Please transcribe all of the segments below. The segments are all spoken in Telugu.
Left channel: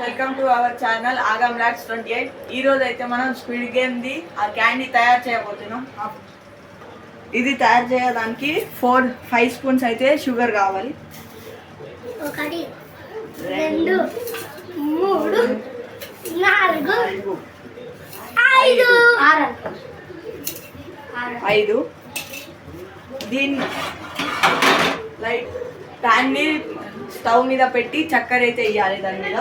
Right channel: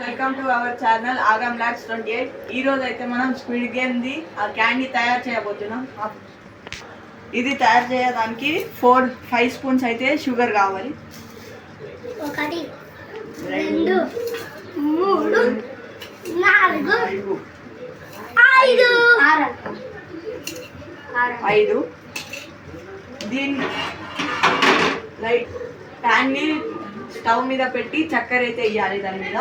వెల్కమ్ టు అవర్ ఛానల్ ఆగం లాక్స్ 28. ఈ రోజు అయితే మనం స్పీడ్ గేమ్ ది ఆ క్యాండీ తయారు చేయబోతున్నాం. ఇది తయారు చేయడానికి 4-5 స్పూన్స్ అయితే షుగర్ కావాలి. 1 2 3 4 5 దీన్ని లైట్ ప్యాన్ని స్టవ్ మీద పెట్టి చక్కెర అయితే వేయాలి. దాని మీద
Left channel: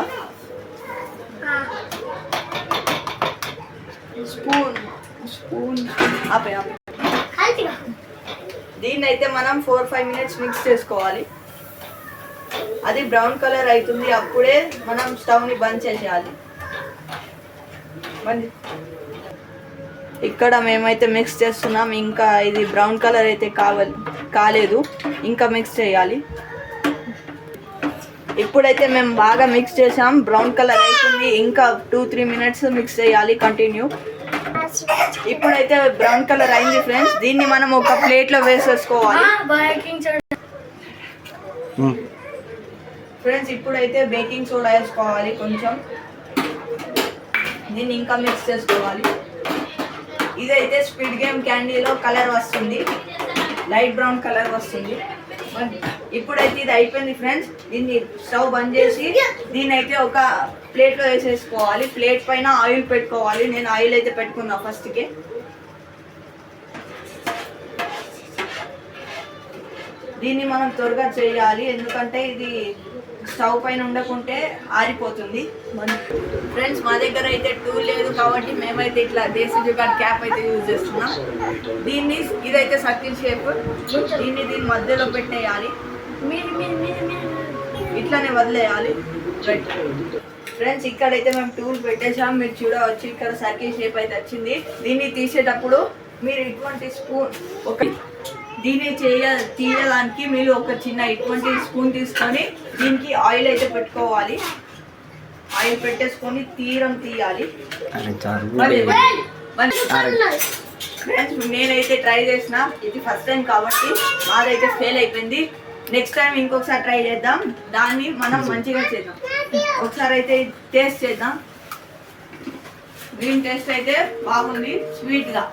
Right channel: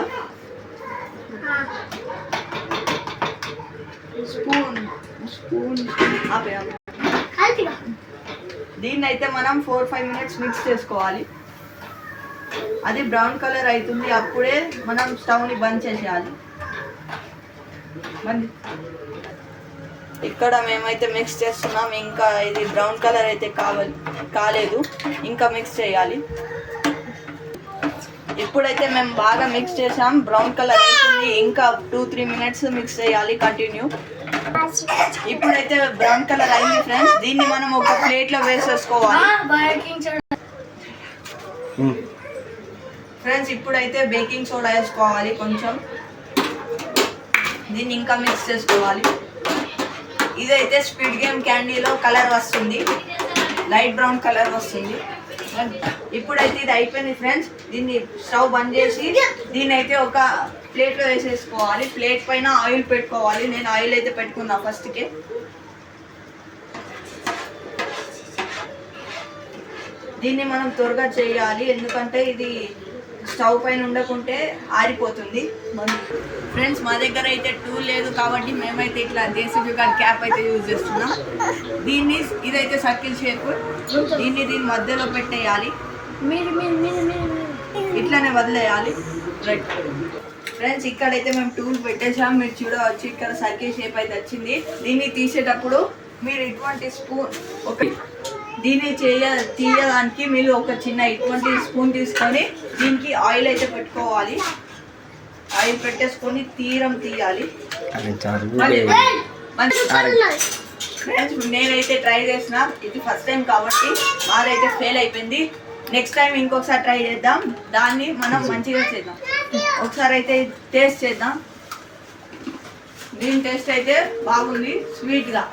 స్పూన్ దీన్ని అయితే మనం 4-5 మినిట్స్ మిక్స్ చేసుకోవాలి. అది బ్రౌన్ కలర్ అవుతుంది, అప్పుడే మనం స్టవ్ని బంద్ చేసేయాలి. ఇక్కడ మేమైతే మిక్స్ చేస్తున్నాం. ఇంకా ఇది బ్రౌన్ కలర్ అయితే కాలేదు, ఇంకా మిక్స్ చేయాలి. ఇప్పుడైతే మేము బాగా మిక్స్ చేసాం, బ్రౌన్ కలర్ అవుతుంది. ఇంకా 2-3 మినిట్స్ మిక్స్ చేయాలి కంటిన్యూ. ఇప్పుడైతే బ్రౌన్ కలర్ అయింది ఫ్రెండ్స్. దీన్ని మనం ఒక ప్లేట్లో వేసేసుకోవాలి ఫ్రెండ్స్. ఇప్పుడైతే బేకింగ్ సోడా వేసుకోవాలి కొంచెం. దీన్ని ఇంకా మిక్స్ చేసుకోవాలి. ఇదైతే స్పీడ్ గేమ్ క్యాండీలో కలర్ వస్తుంది, లైట్ బ్రౌన్ కలర్ వస్తుంది. ఇప్పుడైతే ఇది అయిపోయింది ఫ్రెండ్స్. దీన్ని స్టవ్ బంద్ చేసి దీన్ని అయితే ఒక ప్లేట్లో వేసేసుకోవాలి. ప్లేట్ పైన ఆయిల్ పెట్టుకోవాలి. నేను ఆయిల్ అయితే పెట్టుకున్నా ఫస్ట్కే. దీన్ని మనం త్వరగా చేయాలి, ఎందుకంటే ఇది స్టవ్ పైన ఉండకుంటే ఆరిపోతుంది. ఫ్రెండ్స్ మా దగ్గర అయితే టూల్ లేదు కాబట్టి మేమైతే ఇట్లా దేశీ జుగాడ్ క్యాప్ అయితే యూజ్ చేస్తున్నాం. ఇదైతే సర్కిల్ షేప్. దీని మధ్యలో పెట్టేయాలి, ఇట్లానే వదిలేయాలి. రైట్ ఫ్రెండ్స్, ఇక్కడైతే మేము టూల్ పెట్టేసాం. మీరు చూడవచ్చు, ఇక్కడ సర్కిల్ షేప్ అయితే వచ్చింది. దీన్ని తీసేటప్పుడు మీరు ఇటువంటి స్పూన్ దీన్ని తీయడానికి మీరు ఒక చిన్న ఇటువంటి స్పూన్ తీసుకొని దీనికి ఆయిల్ అయితే పెట్టుకోవాలి. ఆయిల్ పెట్టేసుకొని తీయాలి. నేనైతే ట్రై చేసిన, ఇది ఫస్ట్ టైం కాబట్టి మాదైతే ఫెయిల్ అయిపోయింది. నెక్స్ట్ టైం ఇంకొకసారి ట్రై చేద్దాం, దాన్ని మనం మంచిగా చేద్దాం. ఒకసారి అయితే టేస్ట్ చేద్దాం. దీని టేస్ట్ అయితే బాగుంది, స్వీట్గా.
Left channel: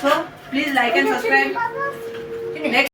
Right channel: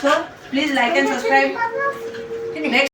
So please like and subscribe. Next